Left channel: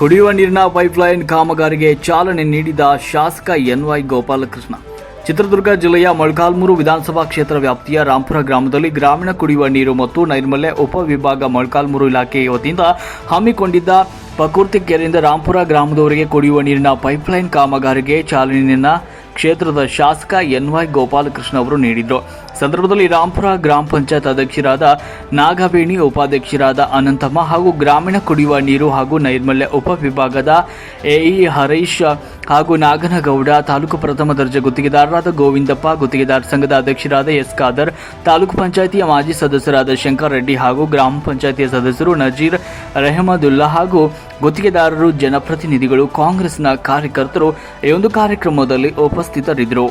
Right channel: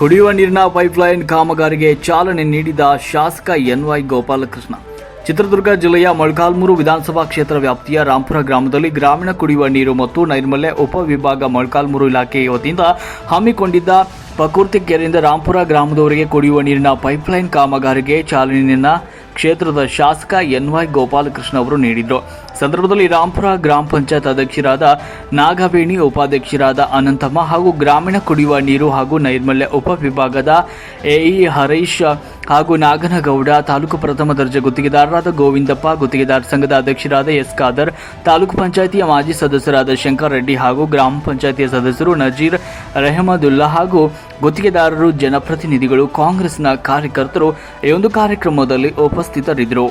ಕುಡಿಯುವ ನೀರಿನ ಪೈಪ್ಲೈನ್ ಕಾಮಗಾರಿಗೆ ಚಾಲನೆ ನೀಡಿದ ಶಾಸಕ ಎನ್.ವೈ. ಗೋಪಾಲಕೃಷ್ಣ. ಚಿತ್ರದುರ್ಗ ಜಿಲ್ಲೆಯ ಮೊಳಕಾಲ್ಮೂರು ವಿಧಾನಸಭಾ ಕ್ಷೇತ್ರ ವ್ಯಾಪ್ತಿಯ ರಾಂಪುರ ಗ್ರಾಮದಲ್ಲಿ ಗ್ರಾಮೀಣ ಕುಡಿಯುವ ನೀರು ಮತ್ತು ನೈರ್ಮಲ್ಯ ಉಪವಿಭಾಗ ಮೊಳಕಾಲ್ಮೂರು ಇಲಾಖೆ ವತಿಯಿಂದ ಹಮ್ಮಿಕೊಂಡಿದ್ದ ಪ್ರಕೃತಿ ಕೆರೆಯಿಂದ ರಾಂಪುರ ಗ್ರಾಮದವರೆಗೆ ಕುಡಿಯುವ ನೀರಿನ ಪೈಪ್ಲೈನ್ ಕಾಮಗಾರಿಗೆ ಚಾಲನೆಯನ್ನು ಕ್ಷೇತ್ರದ ಶಾಸಕ ಎನ್.ವೈ. ಗೋಪಾಲಕೃಷ್ಣ ಅವರು ನೀಡಿದರು. ಸಂದರ್ಭದಲ್ಲಿ ರಾಂಪುರ ಗ್ರಾಮ ಪಂಚಾಯತ್ ಅಧ್ಯಕ್ಷರಾದ ನಾಗವೇಣಿ, ಉಪಾಧ್ಯಕ್ಷರಾದ ಅನಂತಮ್ಮ ಹಾಗೂ ಗ್ರಾಮೀಣ ಕುಡಿಯುವ ನೀರು ಹಾಗೂ ನೈರ್ಮಲ್ಯ ಉಪವಿಭಾಗದ ಎಇ ಹರೀಶ್ ಹಾಗೂ ನಾಗನಗೌಡ, ತಾಲೂಕು ಪ್ರಥಮ ದರ್ಜೆ ಗುತ್ತಿಗೆದಾರರಾದ ಗೋವಿಂದಪ್ಪ, ಗುತ್ತಿಗೆದಾರ ಸಂಘದ ಅಧ್ಯಕ್ಷರಾದ ಎಸ್ ಖಾದರ್, ತಾಲೂಕು ಪಂಚಾಯಿತಿಯ ಮಾಜಿ ಸದಸ್ಯರಾದ ಶಂಕರ್ ರೆಡ್ಡಿ ಹಾಗೂ ಗ್ರಾಮ ಪಂಚಾಯಿತಿಯ ಸದಸ್ಯರು ನಜೀರ್, ರೆಹಮದುಲ್ಲಾ ಹಾಗೂ ಗುತ್ತಿಗೆದಾರರು, ಜನಪ್ರತಿನಿಧಿಗಳು, ಕಾಂಗ್ರೆಸ್ನ ಕಾರ್ಯಕರ್ತರು ಈ ಒಂದು ಕಾರ್ಯಕ್ರಮದಲ್ಲಿ ಉಪಸ್ಥಿತರಿದ್ದರು.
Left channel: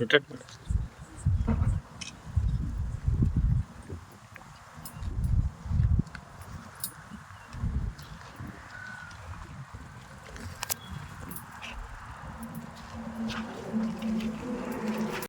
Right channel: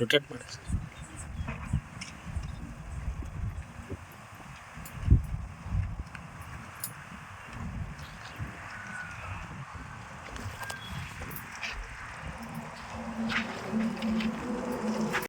ರೊಟೇಟ್ ಮಾಡಿ.